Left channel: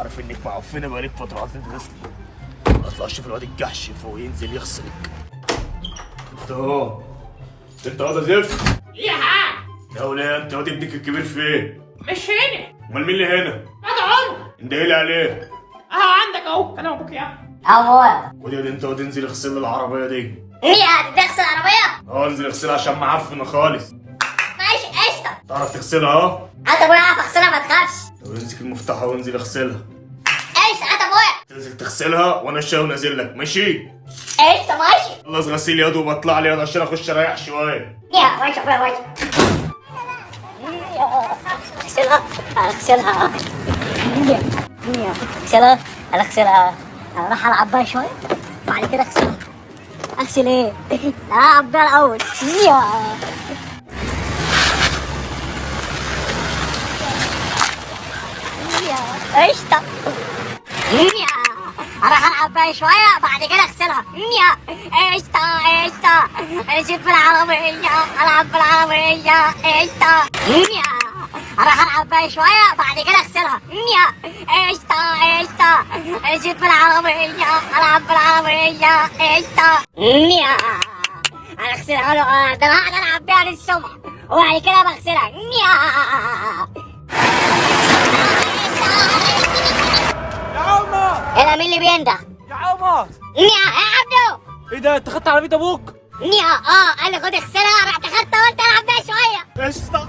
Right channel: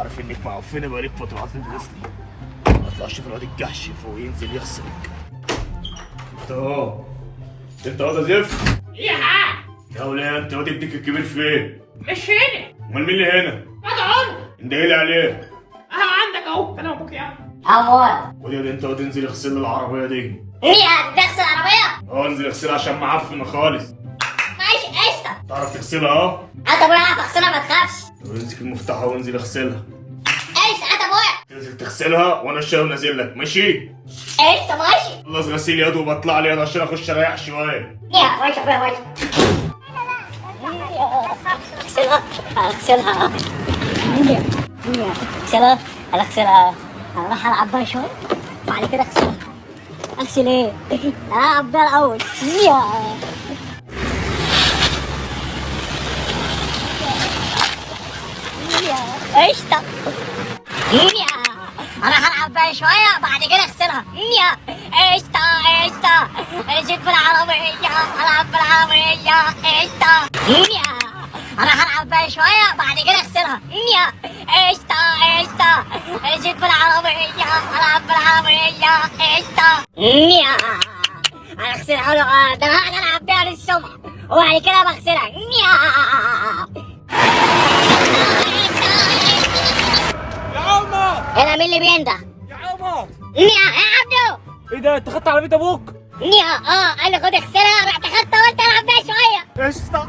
عارف انك معفنه بقالك فتره، عايزين تغسلي. اطلع شوف الواد الجحش فوق ينزل يغسلك. انت اهو، انت واد زفت. ايه يا حاج؟ يا ولاد انت واد ابنك الكبير فين؟ مش هنا. امال مين اللي هنا؟ ادعوا اندهيلي عليه. عندك اهو كلام ابوك يعني. أول خد يا انت واد انزل اغسل لي العربيه دي. هي هتغسل العربية؟ انزل اغسلها عشان معفنه خالص. ماشي قشطة. تعرف تغسلها اه؟ أنت أبويا عارف أغسلها ما تخافش. طب امسك المفتاح وانزل اغسلها. قشطة أنت أبويا. تنزل تغسلها وانا الشاي ونازل لك، ماشي؟ قشطة ماشي. خلص غسيل يد وبطلع لي يد عشان اخش اريح شويه. يا ماشي أبويا ماشي. أغسلها أغسلها. أغسلها أغسلها. أنا راح ألعب بها شوية بعد كده أغسلها. أغسل إيه؟ ألعب بها الأول. قشطة. انا هلعب بقى شوية بعد كده اغسلها. قشطة قشطة. نسيت في العربية العب في العربية. قشطة. انا هلعب بقى شوية بعد كده اغسلها. قشطة قشطة. نسيت في العربية العب في العربية. قشطة. انا اغسلها له ده انا هقعد العب بيها للصبح وبعد كده بغسلها. يا عمر انا مين اللي بينده؟ يا عمر يا عبدو. ايه ده؟ انت خدت عربيه ابوك؟ انا خد اغسلها رحت خدتها وانت العب بيها شويه. قشطه.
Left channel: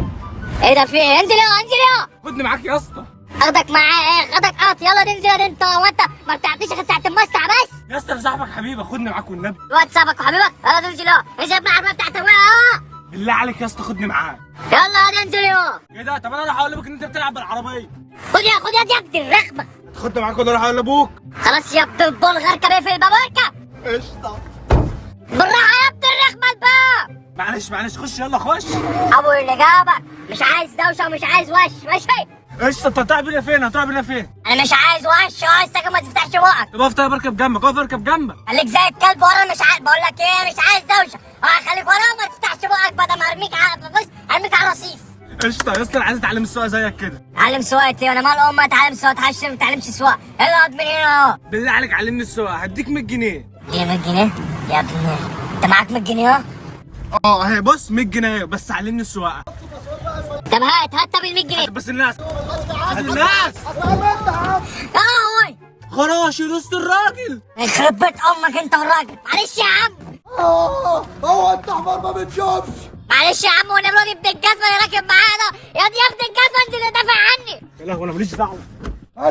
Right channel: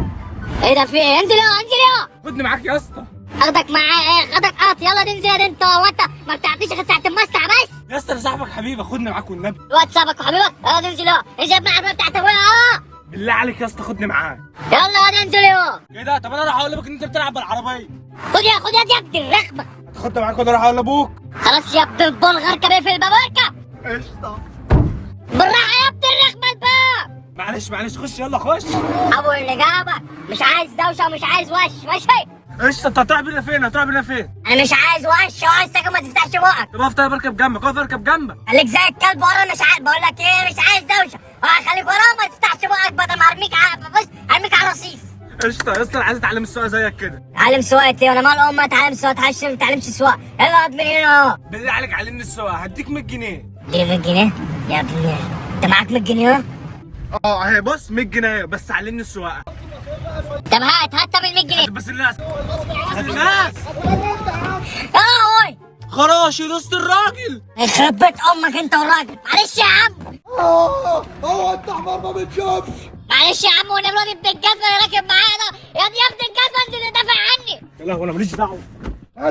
ايه ده في ايه؟ انزل يا خدني معاك يا اسطى. اخدك معايا ايه؟ خدك يلا ننزل يا انت وانت ما بتعطيش غير ساعه المسطع بس. يا اسطى انا صاحبك حبيبي، خدني معاك والنبي. الواد صاحبك وحبيبك يلا ننزل انزل ابن العربيه بتاعت ابويا بالله عليك يا اسطى خدني معاك. يلا ننزل ايه ده؟ طب انا راح اقول لابوك ان انت بتلعب بالعربيه. خد يا ابن الرخمه. خدني معاك وانا راح اقول لابوك. خلاص يا ابن البلغ اركب ايه في الباب اركب. قشطه. بالراحه يا ابن الرخمه الباب. معلش خش يلا خش. ابو اللي جابك مش عايز دوشه ومش عايز وش ماشي. قشطه. انت هتروح بينا فين؟ هتروح بينا فين؟ انا مش عايز وش وعايز ساكن ما تفتحش بقك. طب اقف طيب اركب جنبك، اقف اركب جنبك. خليك زي الكلب ورا مش عايز. بقول لك ايه مش عايز دوشه. خليك ورا ما تفتحش بقك بدل ما ارميك بص ارميك على رصيف. قشطه يا اسطى انا عايز اتعلم السواقه زيك كده. تعلم سواقتي وانا مال امي اتعلم سواقه عشان ما تتعلمش سواقه. يلا اقعد من هنا اهو. بالله عليك علمني السواقه هديك 100 جنيه. دي 100 جنيه يا ابني؟ انت معاك 100 جنيه اهو. اهي بص 100 جنيه بس علمني السواقه. طب هات طب ال 100 جنيه. بس الناس يا لهوي خراش يا دوست الراجل. يخرب بيت امك انت والراجل. معلش يا عم. هو انت حمار ما بتشوفش. معلش يا عم وانا الواد ابن الجزمه اللي راكب معانا يا دي ابن الجزمه انزل دافع عني. يا لهوي انا ماليش دعوه. انا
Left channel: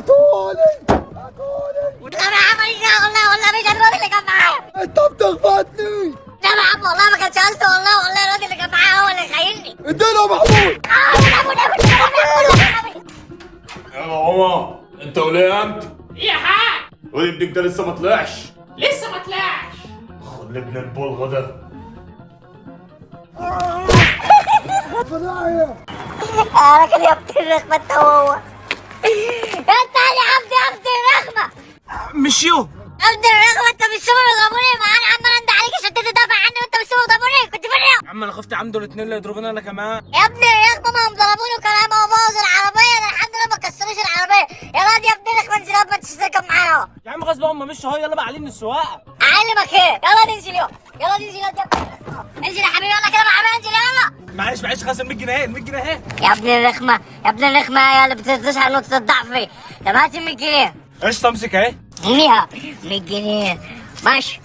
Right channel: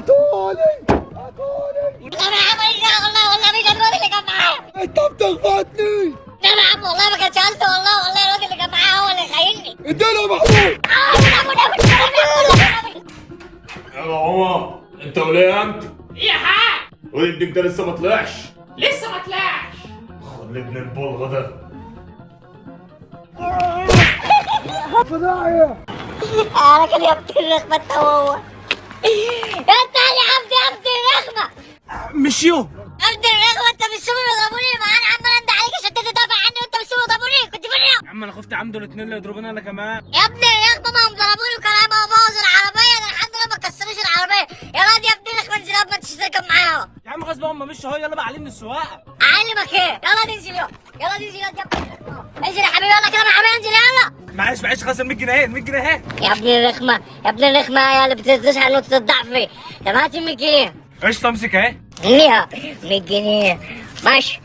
عملي ده والله مش الواد اللي كان معايا. انت بتخبطني. لا يا عم والله ما كانش قصدي والله الواد اللي كان معايا هو اللي خايني. اديله محمود. يا عمر انت وليه انت؟ ايه يا حاج؟ وابنك ده لسه ما طلعش؟ لسه ما طلعش. خد ابن البلغه ده. راجل يا ابن الرخمه انت هو. انت يا عبد يا ابن الرخمه. مشيو. يا ابن الرخمه انت مش سوبر الغابوني. ما انا عم عندي عليك عشان تدافع عني وانت مش سوبر الغابوني. كنت فين يا عم انا خفت عم دول اتنين اللي يضربوني انا كمان. يا ابن الرخمه؟ ما هم ضربوني وكان هيبقى بوظ العربيه. انا الحمد لله ما كسروش العربيه. يا واد يا ابن الرخمه انزل ما تشترك معاهم. يا عم غصب هم مشوا اهو. يلا بقى علمني السواقه. اعلمك ايه؟ يلا ننزل يلا ننزل يا ابن الرخمه. انزل يا حبيبي يلا كده يا حبيبي انزل يلا. معلش خلاص ال 100 جنيه. ال 100 جنيه اهي. يا ابن الرخمه يا ابن الرخمه يا اللي بتظهر نقطه الضعف. طب هات ال 100 جنيه. قشطه امسك اهي. ليها 100 جنيه ماشي.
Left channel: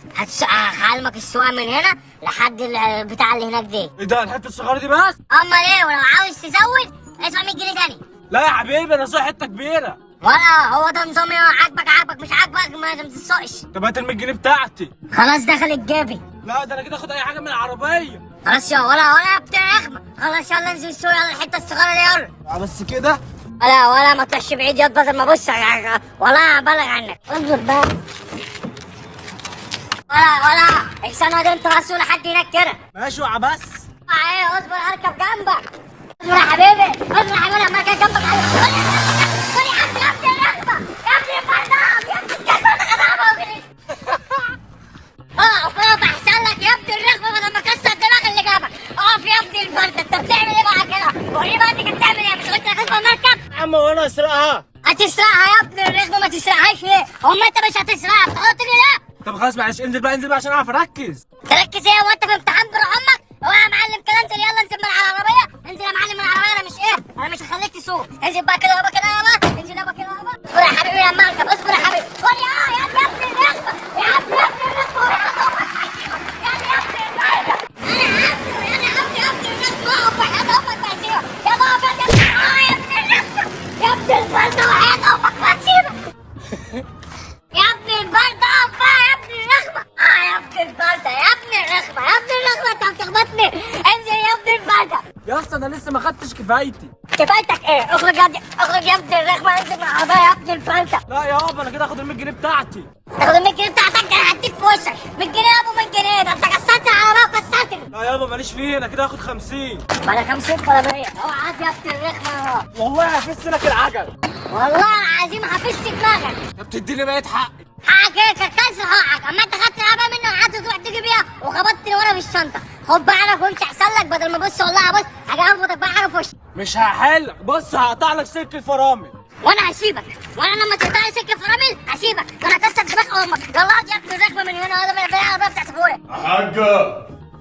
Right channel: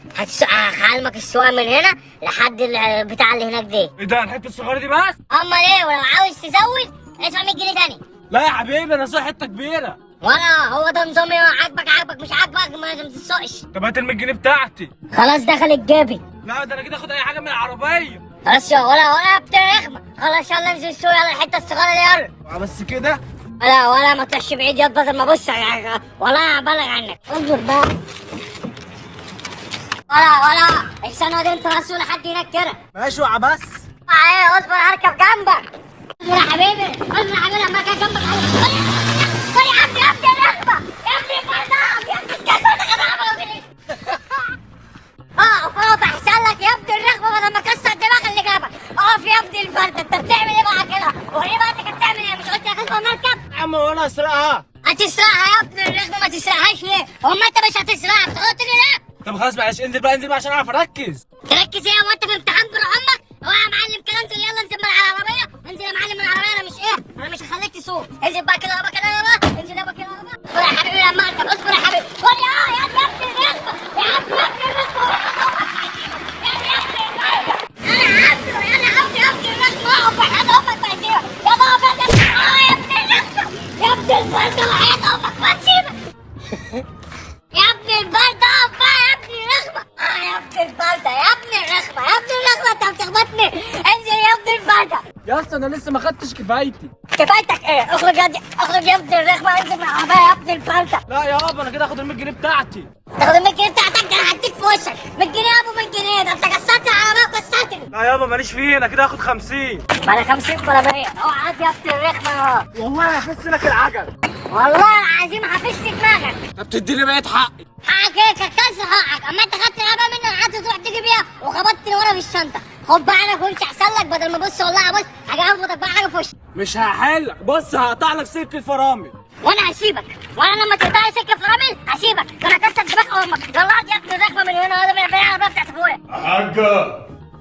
هعلمك السواقه من هنا لحد البتاع اللي هناك دي. ايه ده الحته الصغيره دي بس؟ امال ايه؟ ولو عاوز تزود ادفع 100 جنيه تاني. لا يا حبيبي انا صاحي حته كبيره. ولا هو ده نظامي. عاجبك مش عاجبك ما تسوقش. طب هات ال 100 جنيه بتاعتي. خلاص دخلت جابي. لا ده انا كده اخد اي حاجه من العربيه. خلاص يا ولا يا ابن الرخمه. خلاص يلا انزل السوق يلا الحته الصغيره دي يلا. بس كده. ولا ما تطلعش بعيد يا بدل ما ابص ولا ابلغ عنك. اصبر بقى. ولا استنى دي انت راسه لحد هناك كده. ماشي وقع بس. ايه اصبر هركب جنبك. اصبر يا حبيبي لما اجي جنبك. خد يا ابني الرخمه يا ابني الفردان يا ابني الكسر ده غدابه. اقف احسن لك يا ابني الرخمه بدل ما كسر دماغ اللي جابك. اقف يا ابني الفرده. انت بتعمل ايه بقى كده؟ وريني بقى انت بتعمل ايه؟ مش قلت لك اصبر نركب؟ يا عم وانا اسرقها. تسرقها يا ابن الرخمه، ما تسرقهاش ليه؟ امال انت مش هتسرقها بتغلطني ليه؟ طب خلاص معلش، انزل بقى انزل بقى عشان اعرف اركز. تركز ايه وانت في امتحان بروح امك؟ اوعى يا معلم كده، انزل يلا انزل من على العربيه، انزل يا معلم من العربيه، انا مش ايه؟ انا مش هخليك تسوق، انزل بقى كده يابا كده يابا، انزل يابا كده يابا. اصبر يا حبيبي لما اركب، اصبر يا حبيبي. خد يا ابن الرخمه، يا ابن الرخمه، يا ابن الرخمه. انا ابن الرخمه، اقف وحياة امك ما اسيبك، يا بابا يا ابن الرخمه، يا ابن البرده وحياة امك ما اسيبك. يا ابن البردة اقف بقى يا ابن الرخمة. يا ابن البردة، يا ابن الرخمة، يا ابن الرخمة، انت بتخبطني. انزل يا ابن البردة. يا اسطى انا لسه ما خدتش كفايتي. كفايتك ايه؟ اخرج اخرج يا ابن الرخمة، انزل من العربية يا ابن البردة. لا يابا انا كده هاخد ال 100 جنيه بتاعتي. تاخد ال 100 جنيه بتاعتك؟ انا هديك في وشك 100 جنيه يا ابو 100 جنيه، ده انت كسرت العربية وكسرتني. لا يابا ماليش فيه، انا كده هاخد 50. ولا 50 ولا 100. اوعى يا ابن الرخمة يا والله هفس لك العجل. والله العظيم هفش دماغك. طب تديني بقية حقي. حقك ايه؟ كان كسر حقك، اما انت خدت العربيه مني وقعدت تروح تيجي بيها وخبطتني ورا في الشنطه. خد بقى انا كنت احسن لك، بدل ما بص والله بص حاجه انفضك بقى حاجه في وشك. مش هحلك، بص هقطع لك سلك الفرامل. وانا هسيبك، وانا لما تقطع لي سكه فرامل هسيبك، ده انا كسر دماغ امك. يلا اقعد يا ابن الرخمه من هنا، هذا من العربيه بتاعت ابويا. يا حاجة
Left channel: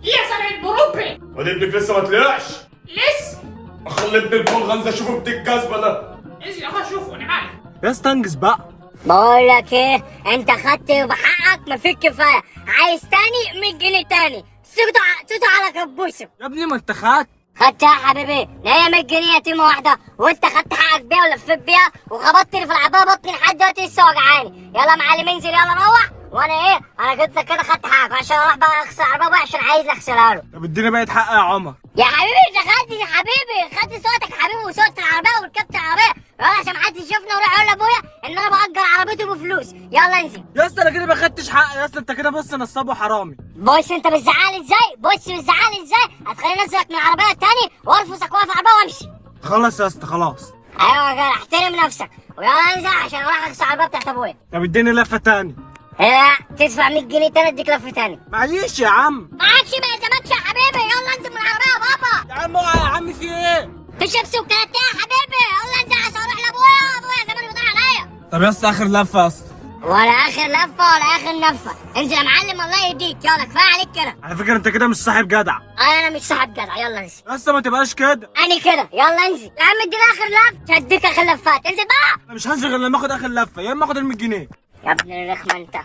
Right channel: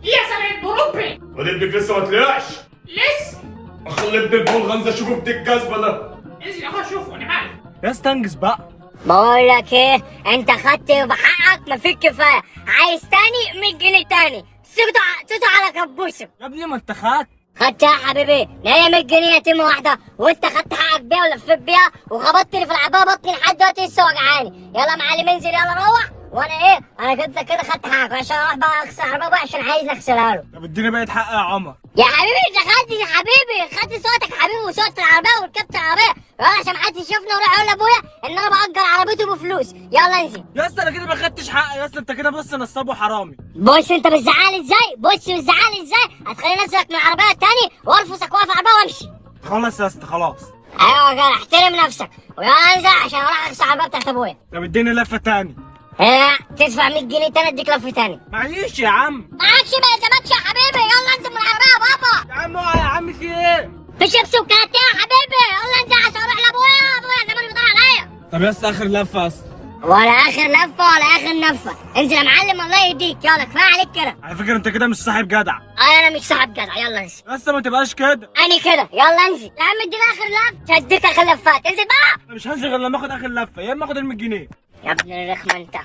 يا سامع بروبي. واد ابنك لسه ما طلعش. لسه. اخلي ابن البلغنزة اشوفه بديك جزمة ده. انزل اهو شوفوا انا معي. يا اسطى انجز بقى. بقول لك ايه، انت خدت بحقك ما فيك كفايه، عايز تاني 100 جنيه تاني، سيبته على كبوسك. يا ابني ما انت خدت. خدتها يا حبيبي، لا هي 100 جنيه يتيمه واحده، وانت خدت حقك بيها ولفيت بيها وخبطتني في العبايه، بطني لحد دلوقتي لسه وجعاني. يلا يا معلم انزل يلا روح، وانا ايه، انا كده خدت حقك عشان اروح بقى اغسل العربيه بقى عشان عايز اغسلها له. طب اديني بقية حقي يا عمر. يا حبيبي انت خدت يا حبيبي، خدت صوتك يا حبيبي وصوت العربيه وركبت العربيه، يلا عشان محدش يشوفنا وراح اقول لابويا ان انا باجر عربيته بفلوس. يلا انزل. يا اسطى انا كده ما خدتش حقي يا اسطى، انت كده بص نصاب وحرامي. بص انت بتزعلي ازاي، بص بتزعلي ازاي، هتخليني انزلك من العربيه التاني وارفسك واقف العربيه وامشي. خلاص يا اسطى خلاص. ايوه يا جدع احترم نفسك، ويلا انزل عشان اروح اغسل العربيه بتاعت ابويا. طب اديني لفة تاني. لا تدفع 100 جنيه تاني اديك لفه تاني. معيش يا عم. معكش ما يلزمكش يا حبيبي، يلا انزل من العربيه يا بابا. يا عم اوعى يا عم في ايه؟ في شيبسي وكاراتيه يا حبيبي، يلا انزل عشان اروح لابويا، ابويا زمان بيدور عليا. طب يا اسطى اخر لفة يا اسطى. ولا اخر لفه ولا اخر نفه، انزل يا معلم الله يهديك، يلا كفايه عليك كده. على فكرة انت كده مش صاحب جدع. انا مش صاحب جدع، يلا انزل. يا اسطى ما تبقاش كده. انا كده، يلا انزل يا عم اديني اخر لفه، هديك اخر لفات، انزل بقى. انا مش هنزل غير لما اخد اخر لفة، يا اما اخد ال 100 جنيه. يا ابن الرخمه انت،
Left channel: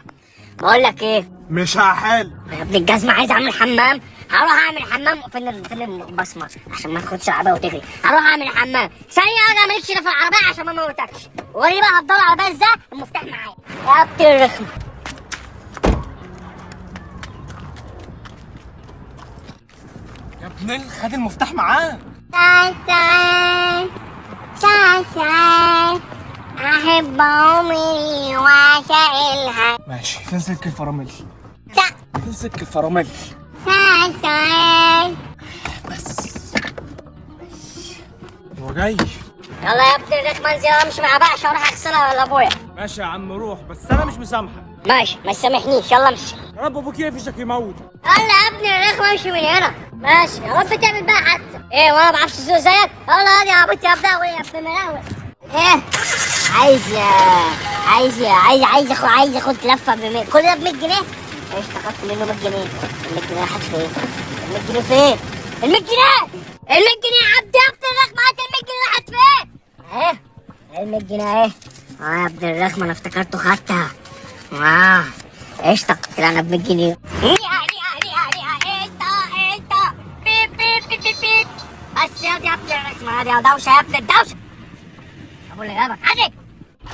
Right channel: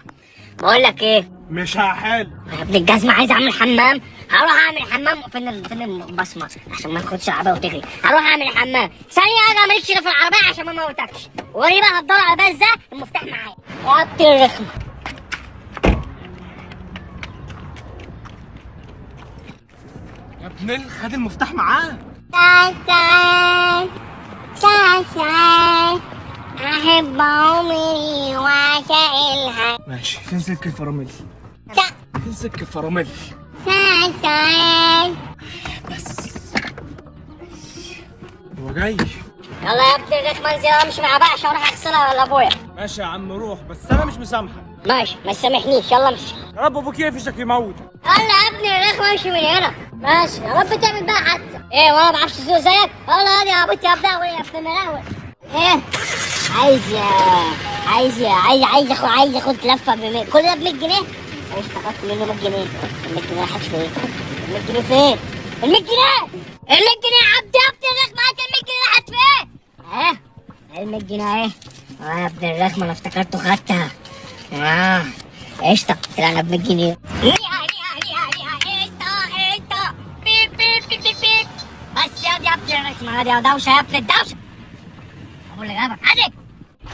بقول لك ايه، مش هحل. يا ابن الجزمه عايز اعمل حمام، هروح اعمل حمام فين البصمه عشان ما تاخدش العربيه وتجري، هروح اعمل حمام ثانيه ارجع مالكش في العربيه عشان ما موتكش، وريني بقى هتدور العربيه ازاي، المفتاح معايا يا ابن الرخمه. يا ابني خد المفتاح معاه. سان احب عمري واشائلها. ماشي فين سلك الفرامل؟ فين سلك الفرامل؟ سان بس هو جاي. يلا يا ابن الرخمه انزل امشي مع بقى عشان اروح اغسلها لابويا. ماشي يا عم روح، بس انا مش مسامحك. ماشي ما تسامحنيش، يلا امشي. يا رب ابوك يقفشك يموت. يلا يا ابن الرخمه امشي من هنا. ماشي يا رب تعمل بقى حادثه. ايه وانا ما بعرفش اسوق زيك؟ يلا هادي يا عبيط يا بداوي يا ابن المراوي. ايه عايز اخد لفه كل ده ب 100 جنيه؟ ايش اخدت منه 100 جنيه؟ ال 100 جنيه راحت فين؟ ال 100 جنيه فين؟ ال 100 جنيه؟ ال 100 جنيه يا عبد يا ابن الرخمه، هات ال 100 جنيه راحت فين؟ ال 100 جنيه اهي. يا ابن الرخمه انا افتكرته خدتها. قشطه طلعنا ب 100 جنيه. بس يا ابن الرخمه، هادي يا دوشه يا ابن الدوشه. ابو اللي جابك هادي.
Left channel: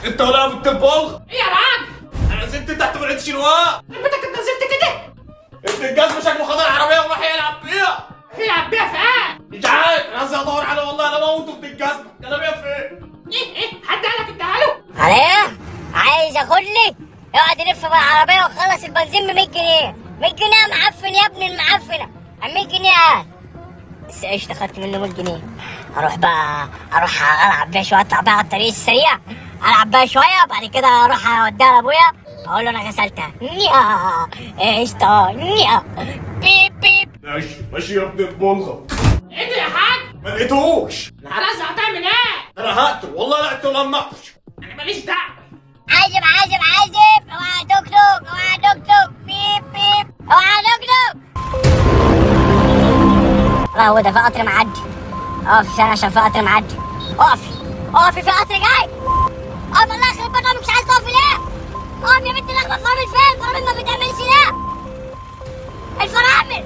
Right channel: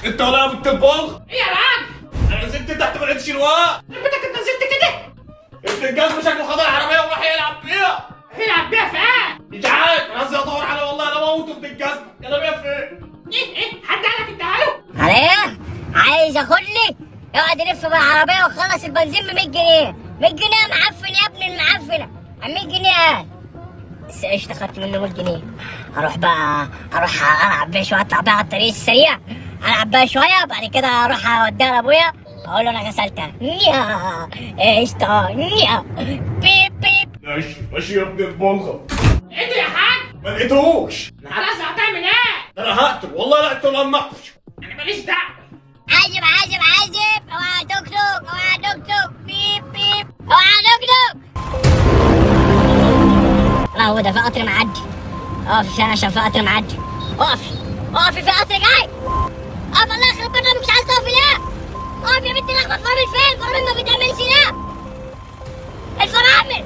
انت ولا يا بنت البلغ؟ ايه يا معلم؟ انا نزلت تحت من عند شنواء. ربيتك انت نزلت كده؟ ابن الجزمة شكله خد العربية وراح يلعب بيها. هيلعب بيها فين؟ مش عارف، انا نازل ادور عليه والله انا موته ابن الجزمة، كان بيها فين؟ ايه حد قال لك اديها له؟ على ايه؟ عايز ياخدني؟ يقعد يلف بالعربية وخلص البنزين ب 100 جنيه، 100 جنيه يا معفن يا ابن المعفنة، 100 جنيه بس قشطة خدت منه 100 جنيه، اروح العب بيها شوية، اطلع بيها على الطريق السريع، العب بيها شوية وبعد كده اروح اوديها لابويا اقول له انا غسلتها، قشطة، بيب بيب. ماشي يا ابن البلغة. ايه ده يا حاج؟ ما لقيتهوش. خلاص هتعمل ايه؟ انا هقتل والله لا اقتل لما اقفش. انا ماليش دعوه. عازب عازب عازب، اوعى توك توك، اوعى توك توك، بيب بيب، اوعى توك توك. الله، ده في قطر معدي. اقفي عشان عشان في قطر معدي. اقفي اقفي، في قطر جاي. اقف، الله يخرب بيتك، مش عايز تقفي ليه؟ اقف يا بنتي، اللحمه الفرامل فين؟ الفرامل ما بتعملش ليه؟ الفرامل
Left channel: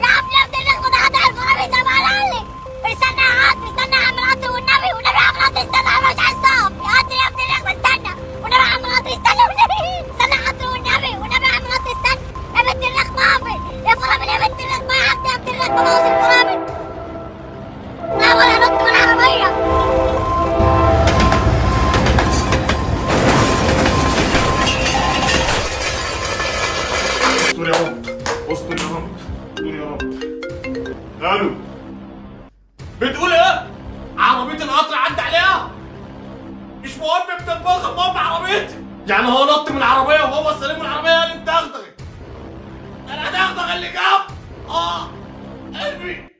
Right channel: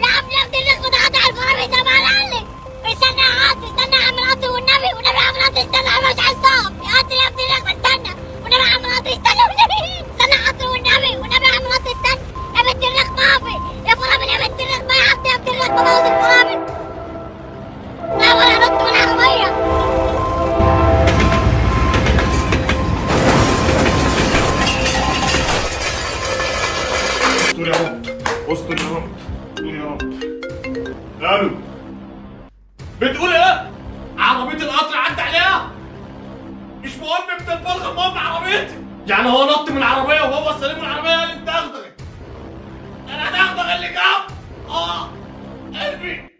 لا يا ابني، اللحمه تعدي على الفرامل زي ما قال لك. استنى يا قطر، استنى يا عم القطر، والنبي والنبي يا عم القطر استنى، انا مش عايز تقف. يا قطر يا ابني، اللحمه استنى والنبي يا عم القطر، استنى والنبي، استنى يا قطر والنبي والنبي يا عم القطر استنى. يا بنت اللحمه اقفي، يا فرامل يا بنت اللحمه، يا عبد يا بنت اللحمه، بوظ الفرامل. لا ولا نط من العربيه. استر يا رب، استر يا رب، استر يا رب. الو، بتقول ايه؟ عربية القطر عدى عليها؟ مش مهم ابن البلغة، المهم عربيتي. يعني هو نط من العربية وهو سليم، العربية هي اللي اتدغدغت. انا هدغدغ اللي جنب. قلبي.